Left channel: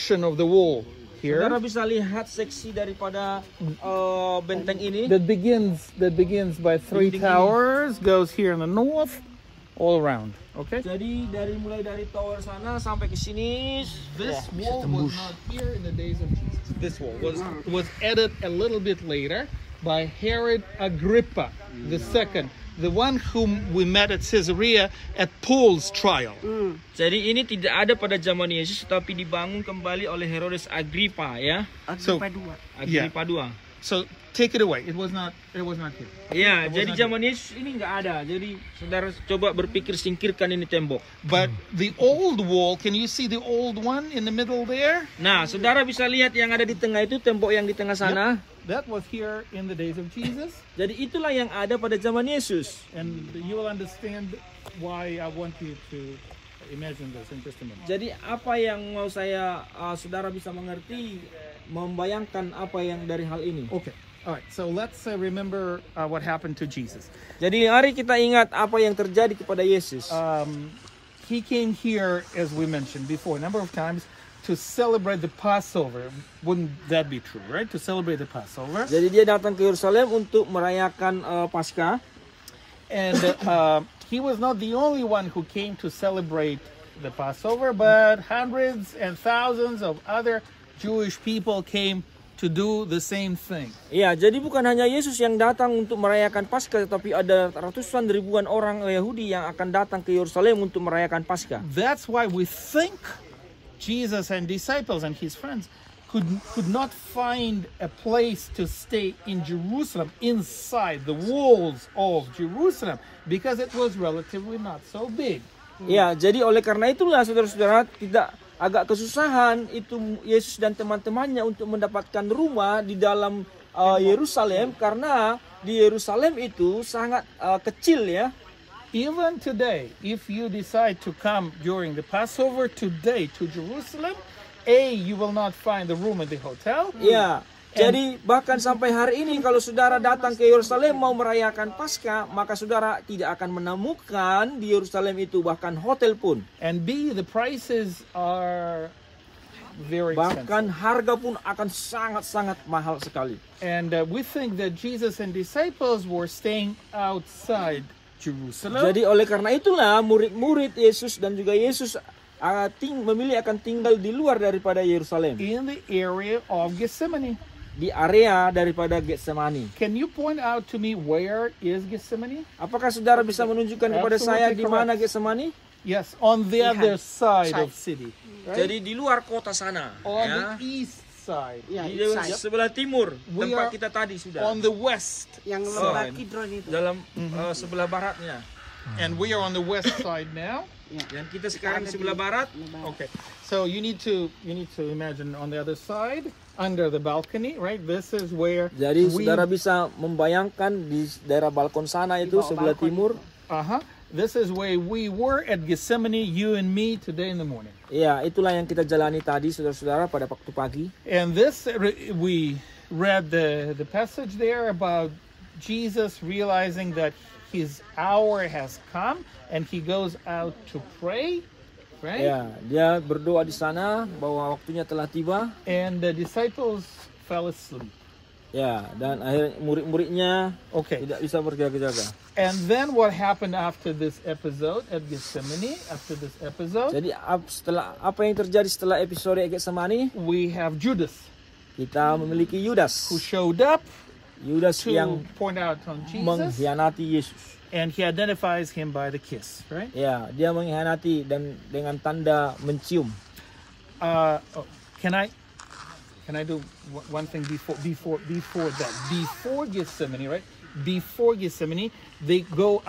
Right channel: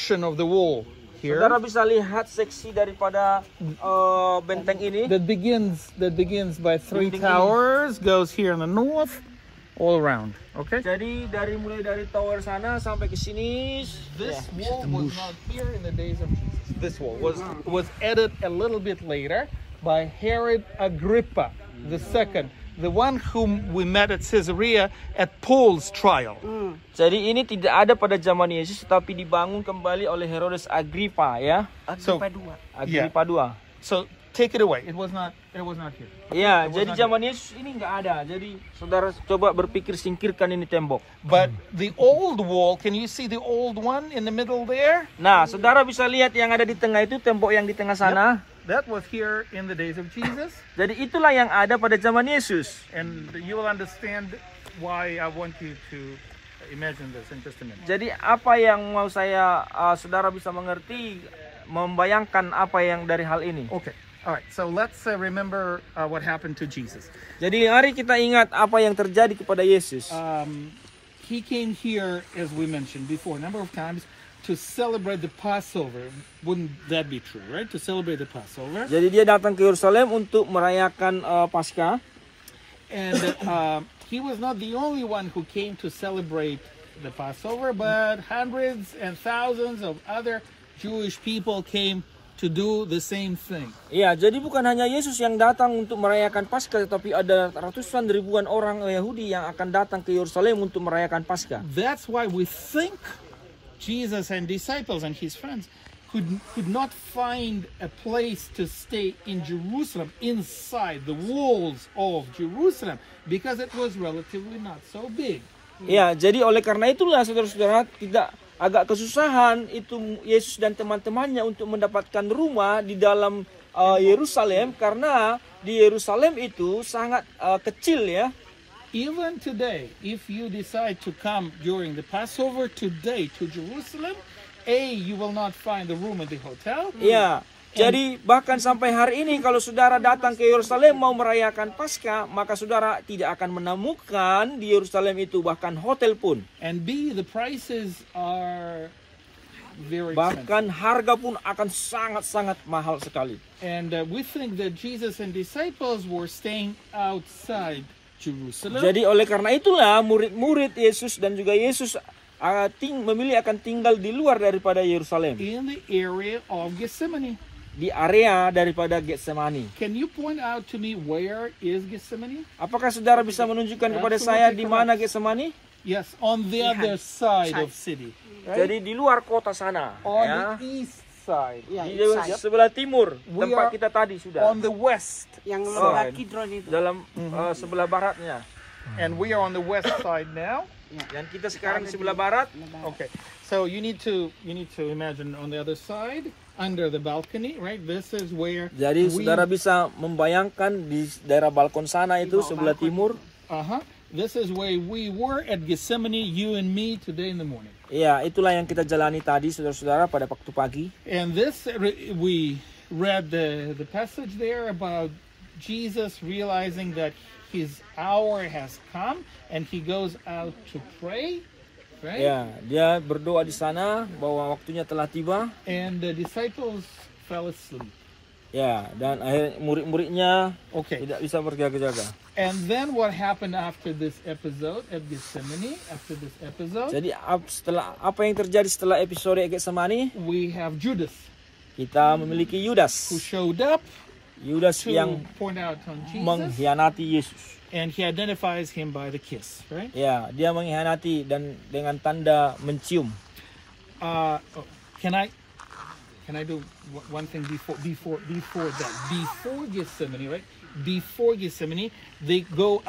section of the wall here. Saudara bisa lihat seksi daripada benteng ini. That begins by 3 towers, goes here in the north, all around. Okay. Jadi mulai dari tower sana sampai ke sini. This wall was not here in the days of Jesus. This wall was added a little bit later by Herod Agrippa II, the one whom we met at Caesarea at Paul's trial. Jadi ini tidak ada pada zaman Yesus, tetapi dibangun kembali oleh Herodes Agrippa, ya. Agrippa II. So take it away. It was not here. Ya, jadi zaman Yesus ini nggak ada. Jadi saudara coba berpikir singkirkan ini tembok. But the old wall, can you see the old one in the middle there? Nah, saudara bisa lihat yang ada di tengah itu, tembok yang di tengah sana. That was here in the days of Jesus. Jadi itulah yang ada pada zaman Yesus. And you will understand why I want you to imagine this in just a minute. Jadi apa yang mau saya saudara bisa mengerti, membayangkan apa yang dari hal ini. Okay. All right. So let's remember what happened to Jesus. Jadi mari kita ingat apa yang terjadi kepada Yesus. He came here, as we mentioned before, a number of times, to celebrate the Passover. Wouldn't that be true, right? To celebrate the Passover. Jadi dia datang ke Yerusalem untuk merayakan Paskah. And he was not the only one who came to celebrate the Passover, but hundreds and thousands of other Jewish people came to do the same thing. Iya, jadi bukan hanya Yesus yang datang untuk merayakan Paskah, tetapi ada ratusan ribuan orang Yahudi yang akan datang ke Yerusalem untuk merayakan Paskah. That's why we think Jesus and disciples and his friends could not find a place to stay in Jerusalem, inside the walls of Jerusalem, because it was relatively not so big. Ya, jadi oleh karena itulah saudara-saudara tidak agak kesusahan itu Yesus dan teman-temannya untuk mendapatkan rumah di dalam Yerusalem, karena di Yerusalem itu sangat kecil, ya. Even today, if you decide to come during the Passover today to Jerusalem, you will not find the room at the hotel. Ya, jadi bahkan sampai hari ini kalau saudara datang ke Yerusalem mau merayakan Paskah, maka saudara tidak akan menemukan di Yerusalem itu bahkan hotel pun. And the prices are very expensive. Bahkan harga pun akan sangat-sangat mahal sekali. And we think that Jesus and disciples were staying outside Jerusalem. Jadi oleh karena itulah murid-murid Yesus dan juga Yesus memilih akan tinggal di luar daripada Yerusalem. In the area of Gethsemane. Di area daripada Getsemani. Can you point out to me where is Gethsemane? Apakah saudara bisa menunjukkan kepada saya di mana Getsemani? Yes, on the other side of city. Right? Jadi di luar kota sana. On the east side. Di sebelah timur tempat kita tadi sudah. On the west. Yang sebelah Kidron itu. Dalam sebelah baratnya. And we are on the west side now. Dan kita sekarang di sebelah barat. Okay. So you need to imagine on the other side, under the balcony, right? This is where. Jadi saudara bisa membayangkan di daerah balkon sana itu sebelah timur. This is where we were at Gethsemane, you and me, today in the morning. Ya, itulah yang kita jalani tadi, saudara-saudara, pada waktu pagi. And this, we read the passage there about Jesus realizing that his hour has come and he goes out to pray, right? Ya, dia berdoa di sana bahwa waktunya telah tiba. And the disciples fell asleep. Ya, dan akhirnya murid-muridnya tidak bisa berjaga-jaga. And then what happened after this episode at Gethsemane? After this episode, jadi setelah apa yang terjadi setelah episode Getsemani? We have Judas. Kita memiliki Yudas. Who showed up? Yudas yang point out on Jesus. Mengkhianati Yesus. And he identifies him by the kiss, right? Ya, dia mengkhianati dan dengan tanda mencium. Can I do one thing before that? Before Gethsemane, right? Before Gethsemane, they go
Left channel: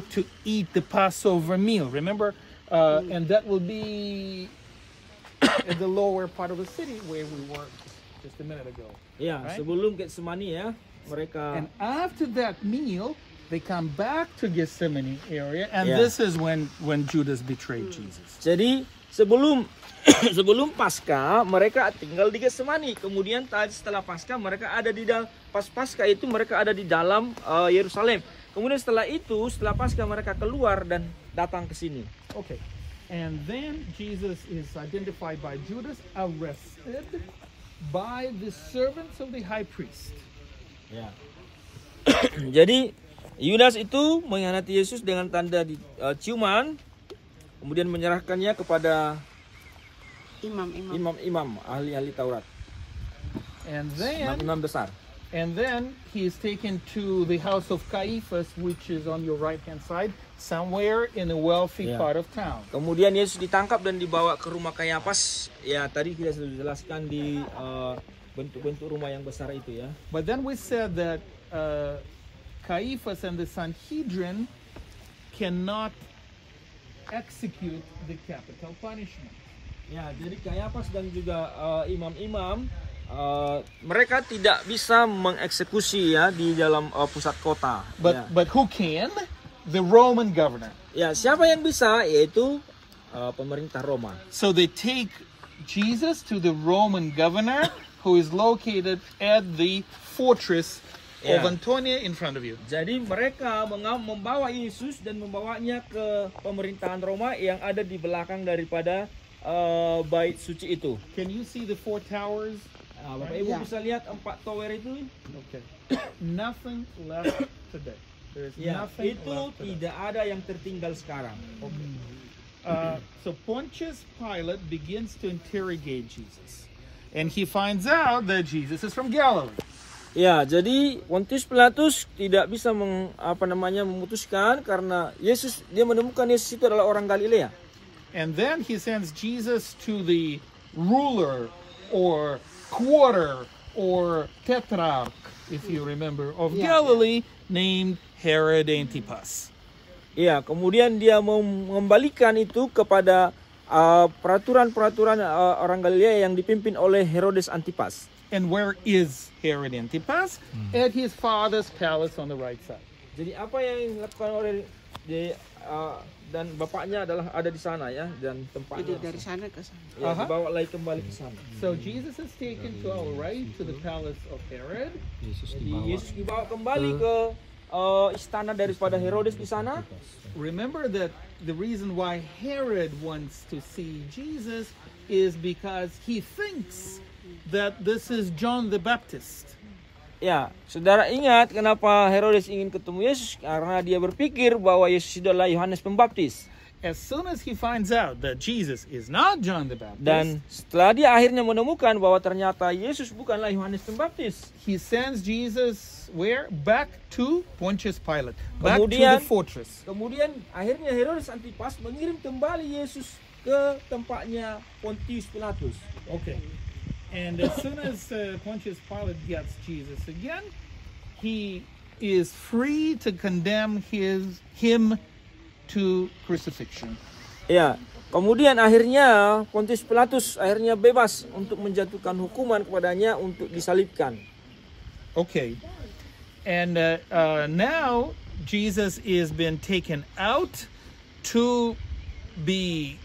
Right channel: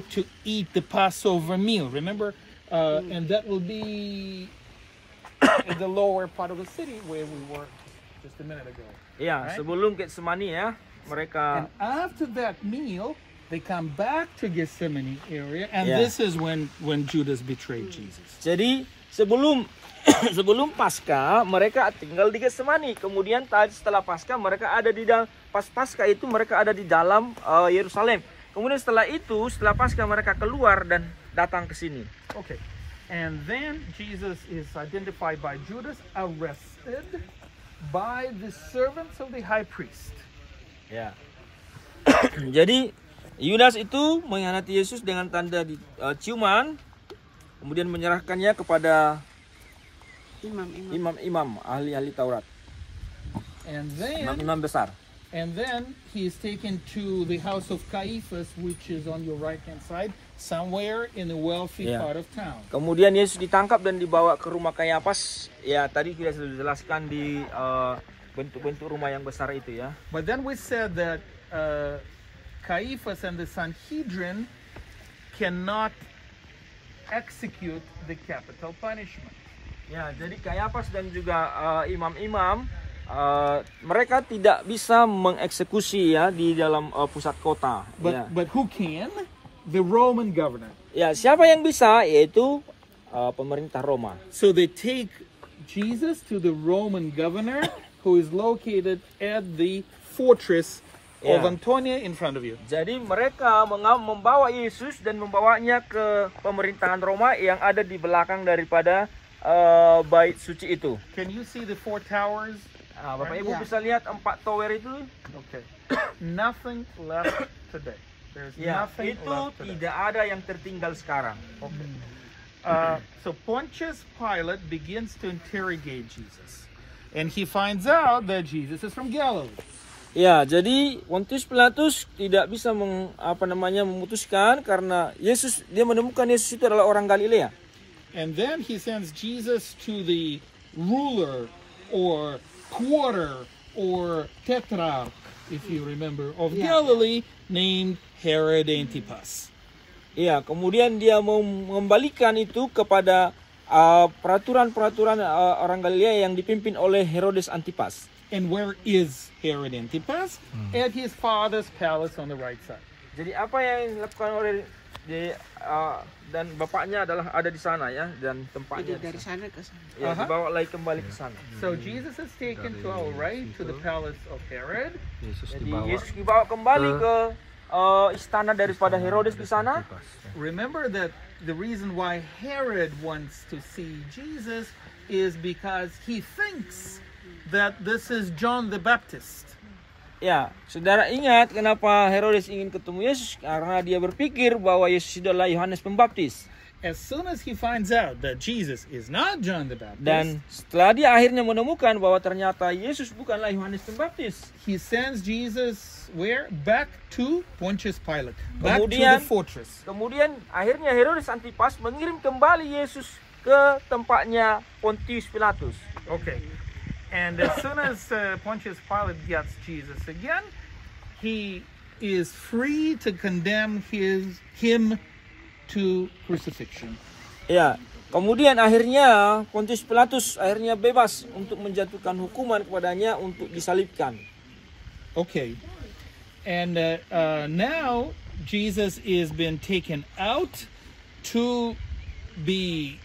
to eat the Passover meal. Remember, and that will be in the lower part of the city where we were just a minute ago. Ya, right? Sebelum Getsemani ya, mereka. And after that meal, they come back to Gethsemane area, and this is when Judas betrayed Jesus. Jadi sebelum Paskah mereka tinggal di Getsemani. Kemudian setelah Paskah mereka ada di dalam Paskah itu mereka ada di dalam Yerusalem. Kemudian setelah Paskah mereka keluar dan datang ke sini. Okay. And then Jesus is identified by Judas, arrested by the servants of the high priest. Ya. Jadi Yudas itu mengkhianati Yesus dengan tanda ciuman, kemudian menyerahkannya kepada imam-imam, ahli-ahli Taurat, And then imam besar. he is taken to the house of Caiaphas, which is on your right hand side, somewhere in a wealthy Yeah. part of town. Kemudian Yesus ditangkap dan dibawa ke rumah Kayafas. Ya, tadi kita sudah jelaskan di bentuk-bentuk rumah yang besar itu ya. But then we said that Caiaphas and the Sanhedrin cannot execute the capital punishment. Ya, jadi Kayafas dan juga imam-imam mereka tidak bisa mengeksekusi ya di dalam pusat kota. But who can? The Roman governor. Ya, siapa yang bisa? Yaitu pemerintah Roma. So they take Jesus to the Roman governor, who is located at the fortress of Yeah. Antonia in front of you. Jadi mereka membawa Yesus dan membawanya ke pemerintahan Roma yang ada di belakang daripada bait suci itu. Can you see the four towers? Bapak Ibu Yeah. bisa lihat 4 tower itu? Okay. Nothing left today. There's Ya, nothing itu left today. tidak ada yang tertinggal sekarang. So Pontius Pilate begins to interrogate Jesus, and he finds out that Jesus is from Galilee. Ya, jadi Pontius Pilatus tidak bisa memutuskan karena dia menemukan Yesus itu adalah orang Galilea. And then he sends Jesus to the ruler or quarter or tetrarch, if you remember, of Galilee, named Herod Antipas. Ya, kemudian dia mengembalikan itu kepada peraturan-peraturan orang Galilea yang dipimpin oleh Herodes Antipas. And where is Herod Antipas? At his father's palace on the right side. Jadi apa yang dilakukan oleh dan bapaknya adalah ada di sana ya, dan tempatnya Dari sana ke sana. ya, dibawa lagi kembali ke sana. So Jesus is taken to our right to the palace of Herod. Jadi Yesus dibawa kembali ke istana daripada Herodes di sana. Remember that the reason why Herod wants to see Jesus is because he thinks that this is John the Baptist. Ya, saudara ingat kenapa Herodes ingin ketemu Yesus? Karena dia berpikir bahwa Yesus itu adalah Yohanes Pembaptis. As soon as he finds out that Jesus is not John the Baptist, Dan setelah dia akhirnya menemukan bahwa ternyata Yesus bukanlah Yohanes Pembaptis, he sends Jesus where? Back to Pontius Pilate. Back to Kemudian- the fortress. kemudian akhirnya Herodes Antipas mengirim kembali Yesus ke tempatnya Pontius Pilatus. Okay. And as soon as Pontius Pilate gets Jesus again, he is free to condemn him to crucifixion. Ya, kemudian akhirnya Pontius Pilatus akhirnya bebas untuk menjatuhkan hukuman kepadanya untuk disalibkan. Okay. And now Jesus is been taken out to be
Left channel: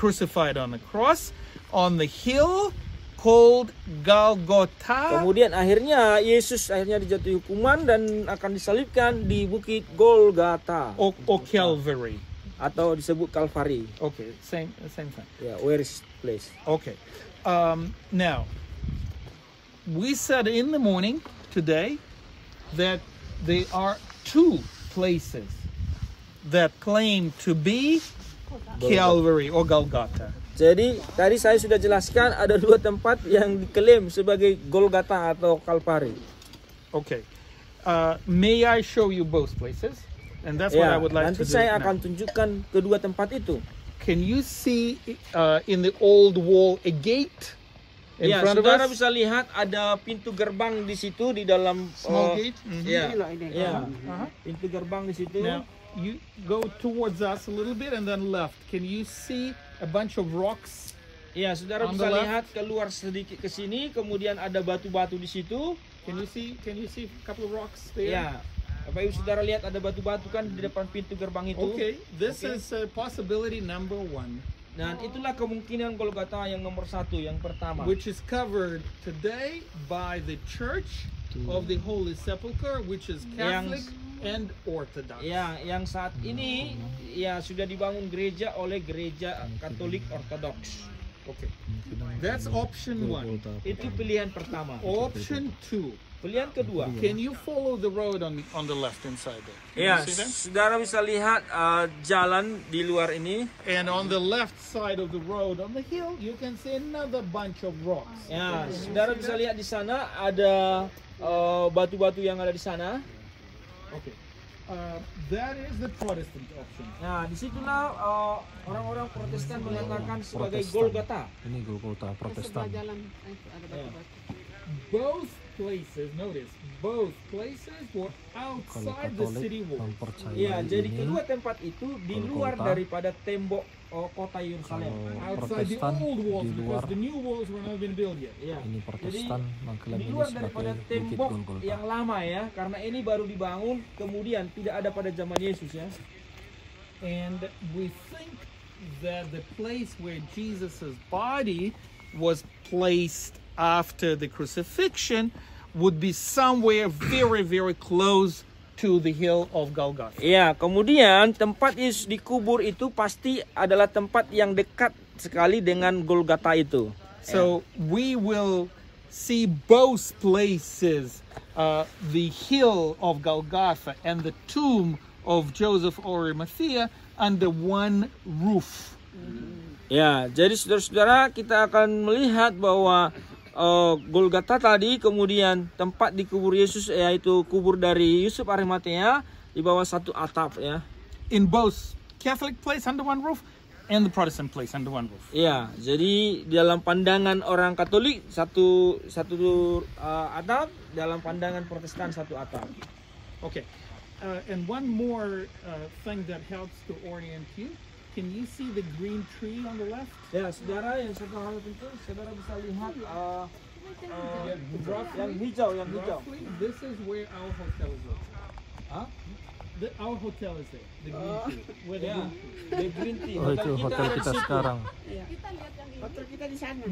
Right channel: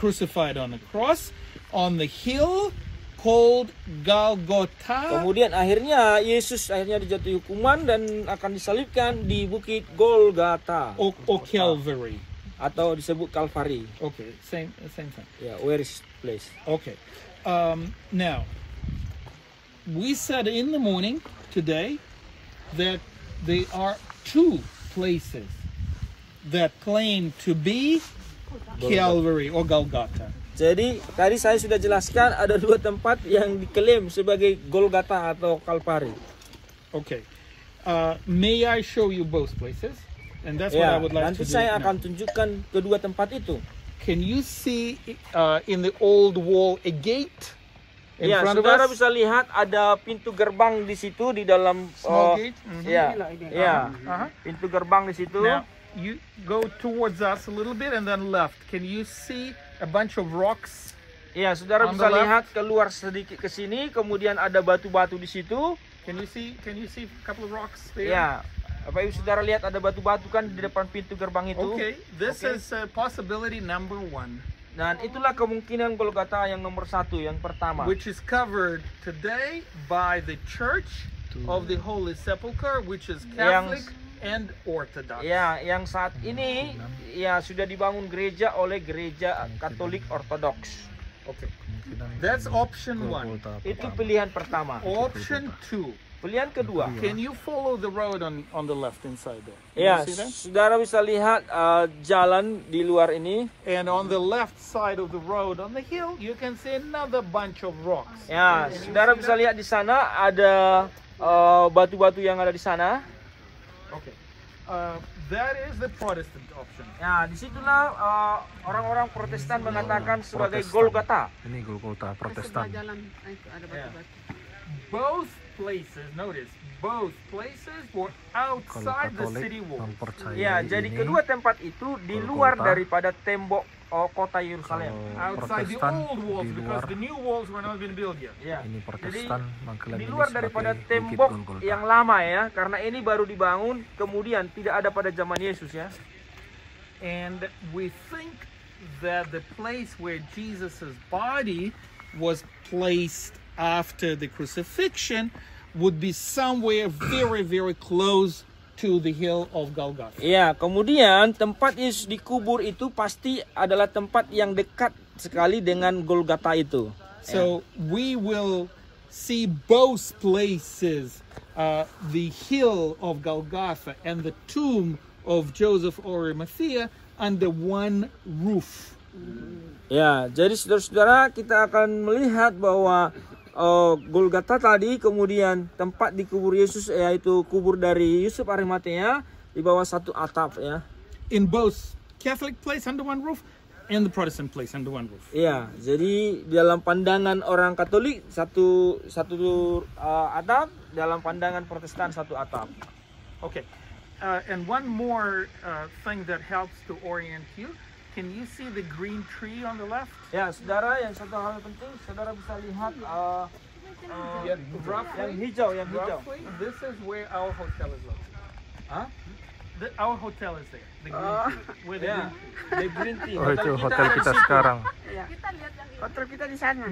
crucified on the cross on the hill called Golgotha, Kemudian akhirnya Yesus akhirnya dijatuhi hukuman dan akan disalibkan di bukit Golgata or Calvary. atau disebut Kalvari. Okay, same thing. Ya, where is place? Okay. Now, we said in the morning today that there are two places that claim to be Calvary or Golgotha. Jadi tadi saya sudah jelaskan ada 2 tempat yang diklaim sebagai Golgata atau Kalvari. Okay. May I show you both places? And that's what I Ya, would like nanti to do saya now. akan tunjukkan kedua tempat itu. Can you see in the old wall a gate in Ya, front of saudara us? bisa lihat ada pintu gerbang di situ di dalam Small gate? Mhm. Ya, ya, Uh-huh. pintu gerbang di situ. Now, you go towards us a little bit and then left. Can you see a bunch of rocks? Ya, saudara On bisa the left. lihat keluar sedikit ke sini, kemudian ada batu-batu di situ. Can you see a couple of rocks there? Ya, Bapak Ibu saudara lihat ada batu-batu kan di depan pintu gerbang itu. Okay, this Oke. is possibility number 1, Dan itulah kemungkinan Golgata yang nomor 1, yang pertama. which is covered today by the Church of the Holy Sepulchre, which is Catholic and Orthodox. Ya, yang saat ini ya sudah dibangun gereja oleh gereja Katolik Ortodoks. Okay. That's option 1. Itu pilihan pertama. Option 2. Pilihan kedua. Can you follow the road on the left hand side there? Can Ya, you see that? saudara bisa lihat jalan di luar ini. And on the left side of the road, on the hill, you can see another bunch of rocks. Ya, saudara bisa lihat di sana ada batu-batu yang ada di sana. Okay. That is the Protestant option. Ya, disitulah orang-orang Protestan mengatakan sebagai Golgota. Ini Golgota Protestan. Ya. Both places, notice, both places were Kalau outside the Katolik city wall. mempercayai Ya, jadi ini, kedua tempat itu di luar Golgota. daripada tembok kota Yerusalem. kalau Outside the Protestan old walls, di because luar, the new walls were not been built yet. Ya. ini Jadi Protestan mengklaim di ini luar daripada sebagai Bukit tembok Golgota. yang lama ya, karena ini baru dibangun kemudian tidak ada pada zaman Yesus ya. And we think that the place where Jesus' body was placed after the crucifixion would be somewhere very, very close to the hill of Golgotha. Ya, kemudian tempat Yesus dikubur itu pasti adalah tempat yang dekat sekali dengan Golgota itu. So we will see both places, the hill of Golgotha and the tomb of Joseph of Arimathea, under one roof. Ya, jadi saudara-saudara kita akan melihat bahwa Golgota tadi kemudian tempat dikubur Yesus yaitu kubur dari Yusuf Arimatea di bawah satu atap ya. In both Catholic place under one roof and the Protestant place under one roof. Ya, jadi dalam pandangan orang Katolik satu atap, dalam pandangan Protestan satu atap. Okay. And one more thing that helps to orient you. Can you see the green tree on the left? Ya, saudara, yang satu hal penting, saudara bisa lihat yang hijau, Roughly, this is where our hotel is located. Hah? Our hotel is there. The green tree. Where the Ya, green tree. the green tea. Oh, itu hotel kita di situ. sekarang. Kita lihat yang hotel kita di sana.